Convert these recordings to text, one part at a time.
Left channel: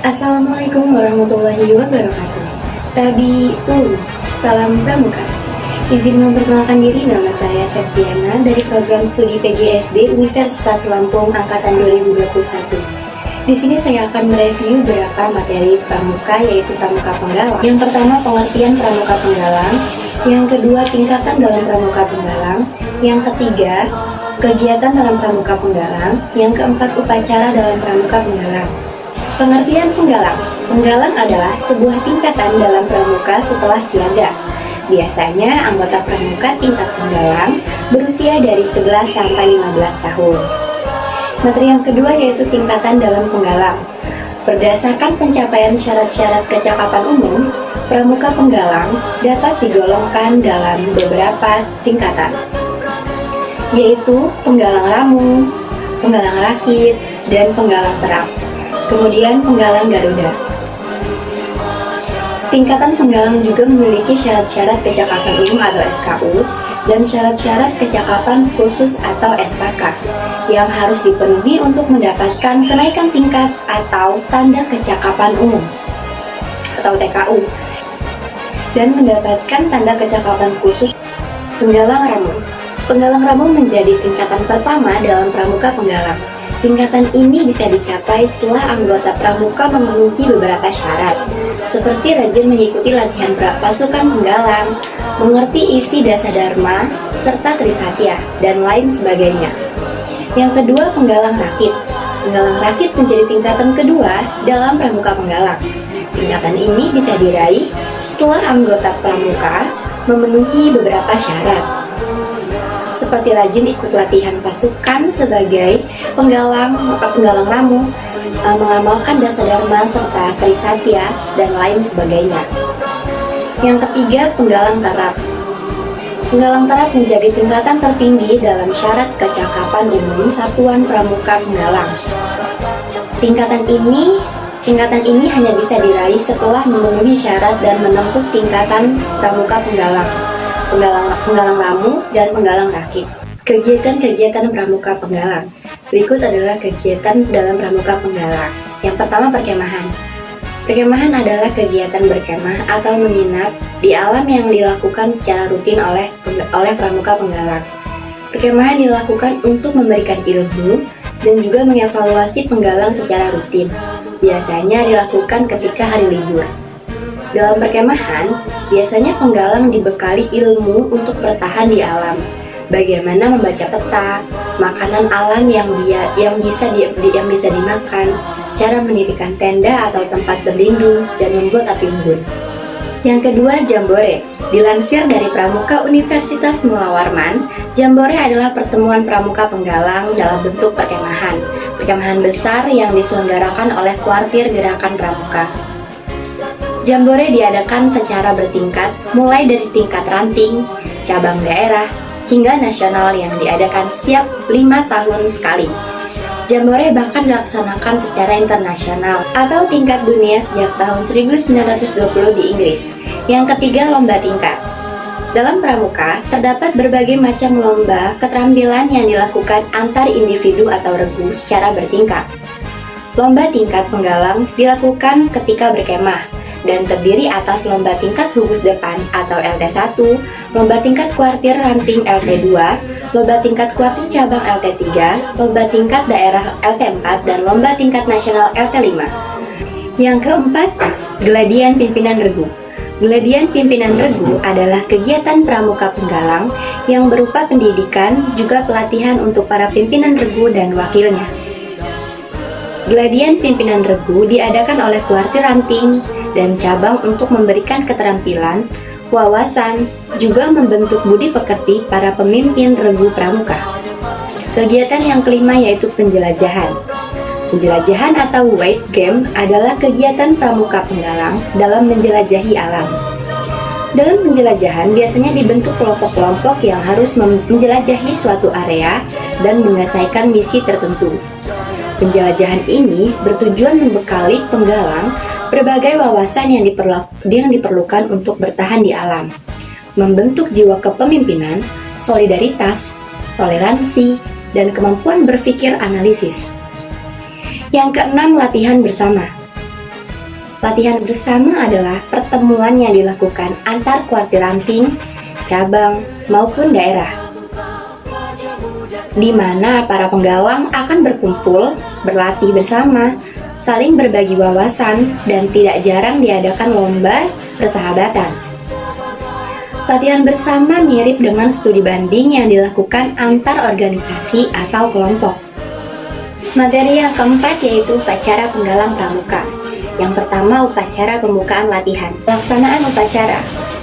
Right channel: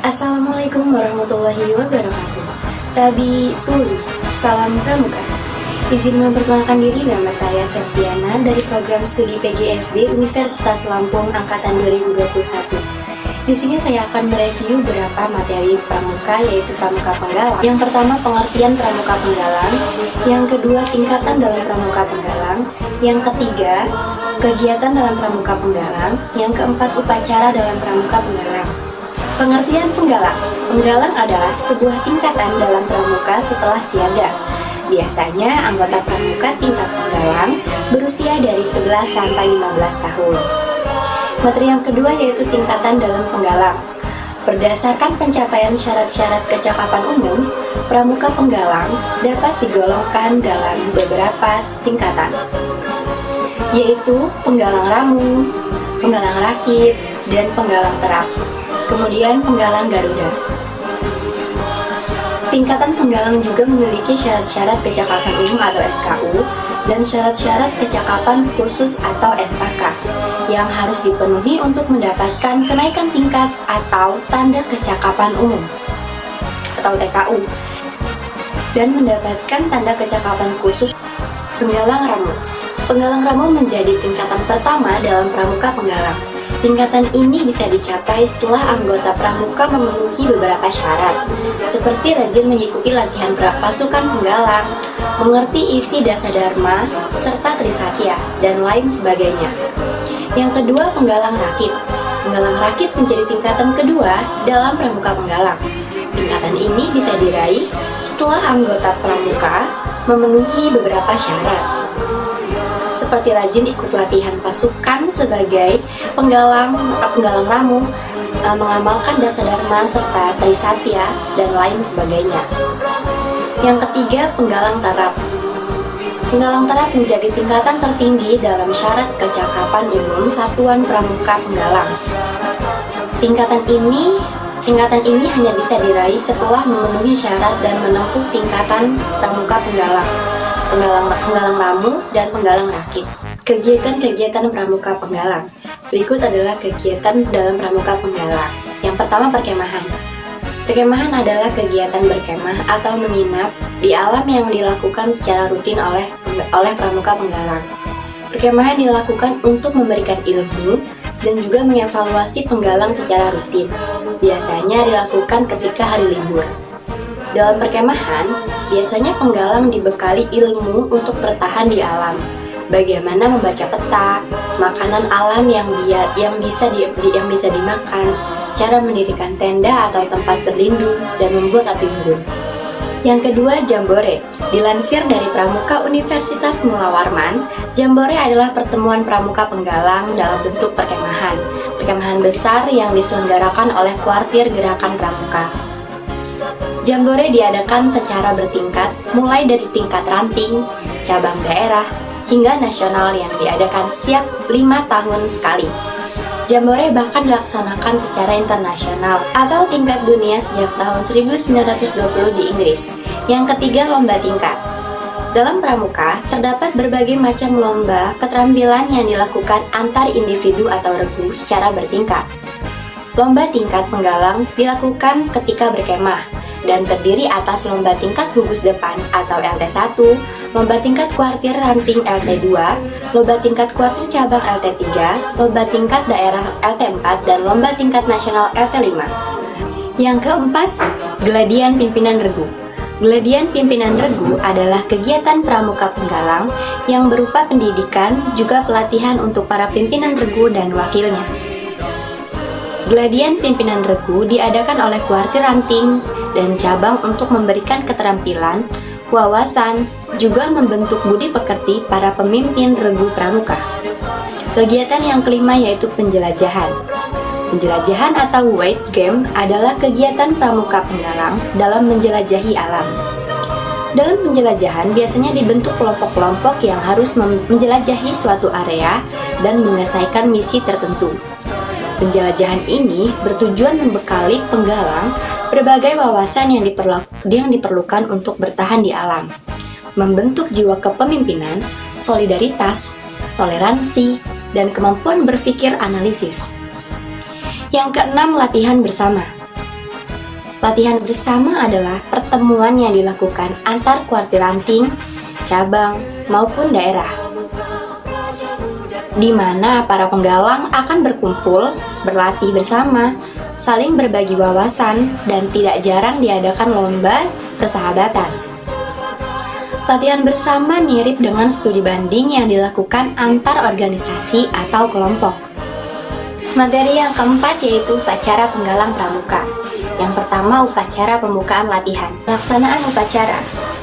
Assalamualaikum warahmatullahi wabarakatuh. Salam Pramuka. Izin memperkenalkan diri, nama saya Septiana dari program studi PGSD Universitas Lampung Angkatan 2021. Di sini saya akan mereview beberapa materi pramuka, yaitu pramuka penggalang. Yang pertama, pengertian pramuka penggalang. Yang kedua, tingkatan dalam pramuka penggalang. Yang ketiga, kegiatan dalam pramuka penggalang. Yang keempat, upacara dalam pramuka penggalang. Pengertian penggalang. Penggalang adalah sebuah tingkatan dalam pramuka setelah siaga. Biasanya anggota pramuka tingkat penggalang berusia dari 11 sampai 15 tahun. Materi yang kedua yaitu tingkatan dalam penggalang. Berdasarkan pencapaian syarat-syarat kecakapan umum, pramuka penggalang dapat digolongkan dalam beberapa tingkatan, yaitu penggalang ramu, penggalang rakit, dan penggalang terap. Kemudian penggalang Garuda. Tingkatan penggalang juga memiliki syarat-syarat kecakapan umum atau SKU dan syarat-syarat kecakapan khusus atau SKK yang harus dipenuhi untuk mendapatkan kenaikan tingkat atau tanda kecakapan umum atau TKU dan mendapatkan tanda kecakapan khusus. Penggalang ramu. Penggalang ramu menjadi tingkatan pertama dalam pramuka penggalang. Tingkatan ini bisa dicapai setelah anggota pramuka memenuhi beberapa syarat, seperti rajin mengikuti latihan pasukan penggalang, mengerti isi dasadharma, serta trisatya, dan lain sebagainya. Yang kedua, penggalang rakit. Penggalang rakit menjadi tingkatan kedua dalam pramuka penggalang. Tingkatan ini bisa diraih setelah anggota pramuka memenuhi beberapa syarat, seperti rajin ikut latihan pasukan sebagai penggalang ramu, mengamalkan dasadharma serta trisatya, dan lain sebagainya. Yang ketiga, penggalang terap. Penggalang terap menjadi tingkatan tertinggi dalam syarat kecakapan umum satuan pramuka penggalang. Tingkatan ini hanya bisa diraih setelah memenuhi syarat dan menempuh tingkatan pramuka penggalang, penggalang ramu, dan penggalang rakit. Kegiatan-kegiatan pramuka penggalang. Berikut adalah kegiatan dalam pramuka penggalang. Yang pertama, perkemahan. Perkemahan adalah kegiatan berkemah atau menginap di alam yang dilakukan secara rutin oleh pramuka penggalang. Perkemahan dilakukan untuk memberikan ilmu dan juga mengevaluasi penggalang secara rutin. Biasanya dilakukan ketika hari libur. Dalam perkemahan, biasanya penggalang dibekali ilmu untuk bertahan di alam. Bagaimana membaca peta, makanan alam yang bisa dimakan, cara mendirikan tenda atau tempat berlindung, dan membuat api unggun. Yang kedua, jambore. Dilansir dari Pramuka Universitas Mula Warman, jambore adalah pertemuan pramuka penggalang dalam bentuk perkemahan. Perkemahan besar yang diselenggarakan oleh Kuartir Gerakan Pramuka. Jambore diadakan secara bertingkat, mulai dari tingkat ranting, cabang daerah, hingga nasional yang diadakan setiap 5 tahun sekali. Jambore bahkan dilaksanakan secara internasional atau tingkat dunia sejak tahun 1920 di Inggris. Yang ketiga, lomba tingkat. Dalam pramuka, terdapat berbagai macam lomba keterampilan yang dilakukan antar individu atau regu secara bertingkat. Lomba tingkat penggalang dilakukan ketika berkemah dan terdiri atas lomba tingkat gugus depan atau LT1, lomba tingkat kuartir ranting LT2, lomba tingkat kuartir cabang LT3, lomba tingkat daerah LT4, dan lomba tingkat nasional LT5. Yang keempat, geladian pimpinan regu. Geladian pimpinan regu adalah kegiatan pramuka penggalang yang berupa pendidikan juga pelatihan untuk para pimpinan regu dan wakilnya. Geladian pimpinan regu diadakan oleh kuartir ranting dan cabang untuk memberikan keterampilan, wawasan, juga membentuk budi pekerti para pemimpin regu pramuka. Kegiatan yang kelima yaitu penjelajahan. Penjelajahan atau wild game adalah kegiatan pramuka penggalang dalam menjelajahi alam. Dalam penjelajahan biasanya dibentuk kelompok-kelompok yang harus menjelajahi suatu area dan menyelesaikan misi tertentu. Penjelajahan ini bertujuan membekali penggalang berbagai wawasan yang diperlukan untuk bertahan di alam, membentuk jiwa kepemimpinan, solidaritas, toleransi, dan kemampuan berpikir analisis. Yang keenam, latihan bersama. Latihan bersama adalah pertemuan yang dilakukan antar kuartir ranting, cabang, maupun daerah, di mana para penggalang akan berkumpul, berlatih bersama, saling berbagi wawasan, dan tidak jarang diadakan lomba persahabatan. Latihan bersama mirip dengan studi banding yang dilakukan antar organisasi atau kelompok. Materi yang keempat yaitu upacara penggalang pramuka. Yang pertama, upacara pembukaan latihan. Pelaksanaan upacara.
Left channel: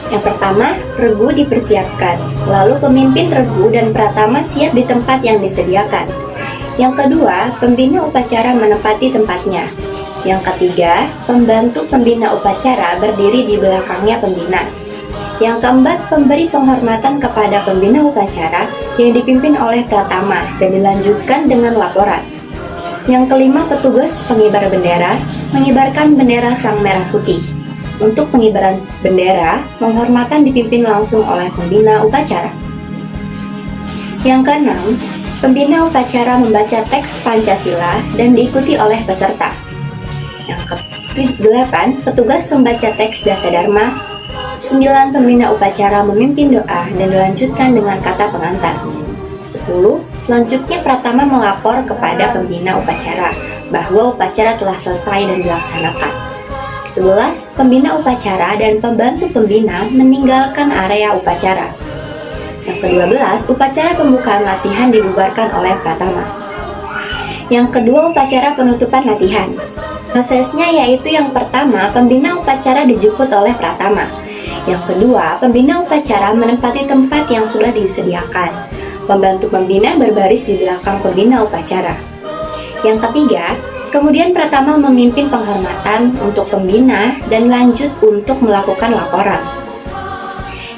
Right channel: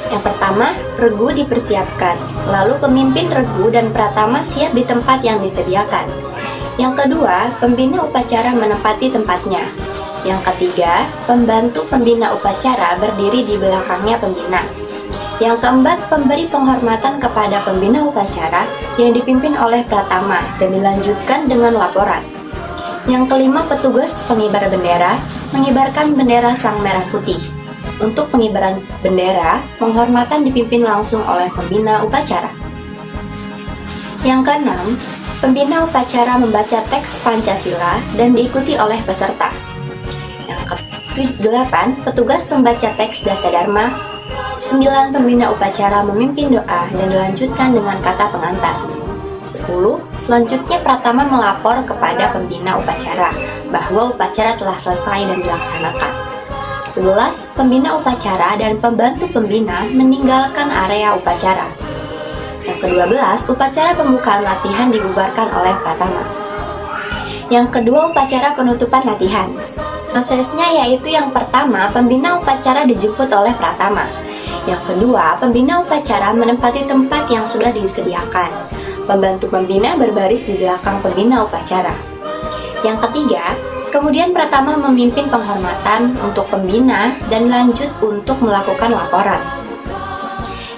Yang pertama, regu dipersiapkan. Lalu pemimpin regu dan pratama siap di tempat yang disediakan. Yang kedua, pembina upacara menempati tempatnya. Yang ketiga, pembantu pembina upacara berdiri di belakangnya pembina. Yang keempat, pemberi penghormatan kepada pembina upacara yang dipimpin oleh pratama dan dilanjutkan dengan laporan. Yang kelima, petugas pengibar bendera mengibarkan bendera sang merah putih. Untuk pengibaran bendera, penghormatan dipimpin langsung oleh pembina upacara. Yang keenam, pembina upacara membaca teks Pancasila dan diikuti oleh peserta. Yang kedelapan, petugas membaca teks Dasadharma. 9, pembina upacara memimpin doa dan dilanjutkan dengan kata pengantar. 10, selanjutnya pratama melapor kepada pembina upacara bahwa upacara telah selesai dan dilaksanakan. 11, pembina upacara dan pembantu pembina meninggalkan area upacara. Yang ke-12, upacara pembukaan latihan dibubarkan oleh pratama. Yang kedua, upacara penutupan latihan. Prosesnya yaitu yang pertama, pembina upacara dijemput oleh pratama. Yang kedua, pembina upacara menempati tempat yang sudah disediakan. Pembantu pembina berbaris di belakang pembina upacara. Yang ketiga, kemudian pratama memimpin penghormatan untuk pembina dan lanjut untuk melakukan laporan.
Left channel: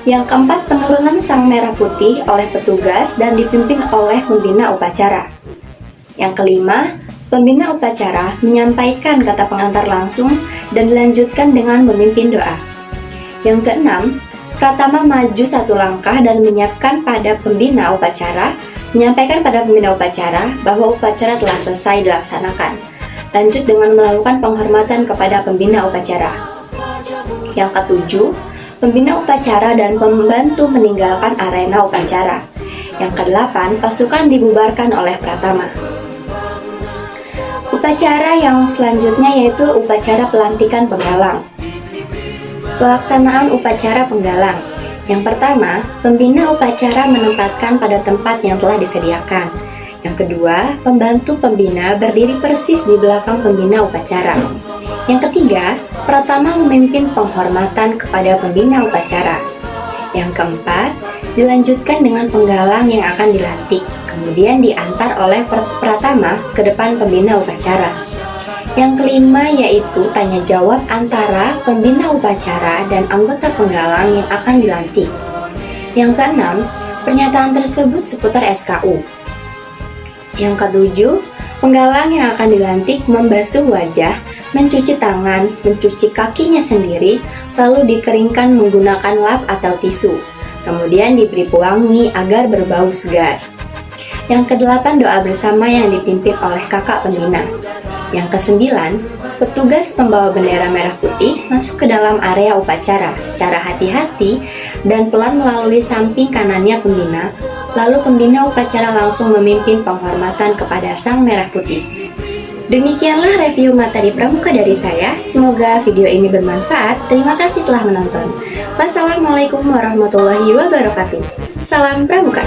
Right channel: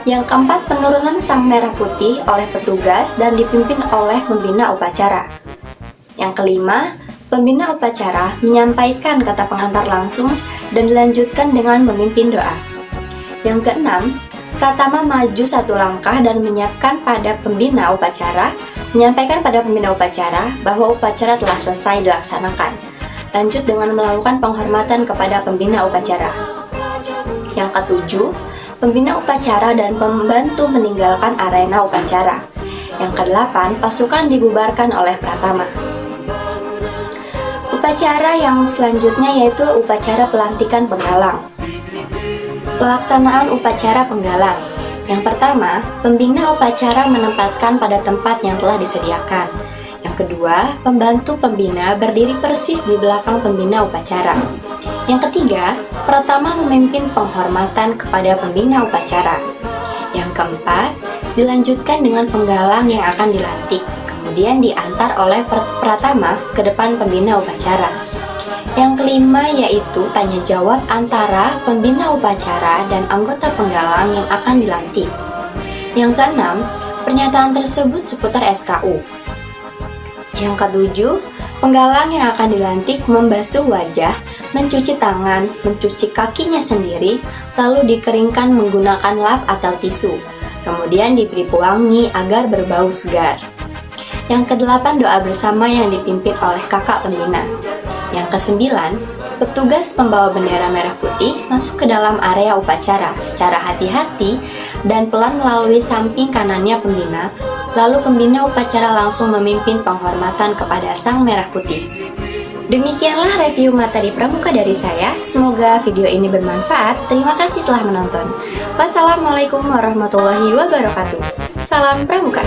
Yang keempat, penurunan sang merah putih oleh petugas dan dipimpin oleh pembina upacara. Yang kelima, pembina upacara menyampaikan kata pengantar langsung dan dilanjutkan dengan memimpin doa. Yang keenam, pratama maju satu langkah dan menyampaikan pada pembina upacara bahwa upacara telah selesai dilaksanakan. Lanjut dengan melakukan penghormatan kepada pembina upacara. Yang ketujuh, pembina upacara dan pembantu meninggalkan arena upacara. Yang kedelapan, pasukan dibubarkan oleh pratama. Upacara yang selanjutnya yaitu upacara pelantikan penggalang. Pelaksanaan upacara penggalang. Yang pertama, pembina upacara menempatkan pada tempat yang telah disediakan. Yang kedua, pembantu pembina berdiri persis di belakang pembina upacara. Yang ketiga, pratama memimpin penghormatan kepada pembina upacara. Yang keempat, dilanjutkan dengan penggalang yang akan dilantik, kemudian diantar oleh pratama ke depan pembina upacara. Yang kelima yaitu tanya jawab antara pembina upacara dan anggota penggalang yang akan dilantik. Yang keenam, pernyataan tersebut seputar SKU. Yang ketujuh, penggalang yang akan dilantik membasuh wajah, mencuci tangan, mencuci kakinya sendiri, lalu dikeringkan menggunakan lap atau tisu. Kemudian diberi pewangi agar berbau segar. Yang kedelapan, doa bersama yang dipimpin oleh kakak pembina. Yang kesembilan, petugas pembawa bendera merah putih masuk ke dalam area upacara secara hati-hati dan pelan melalui samping kanannya pembina, lalu pembina upacara langsung memimpin penghormatan kepada sang merah putih. Demikianlah review materi pramuka dari saya, semoga video ini bermanfaat. Terima kasih telah menonton. Wassalamualaikum warahmatullahi wabarakatuh. Salam pramuka.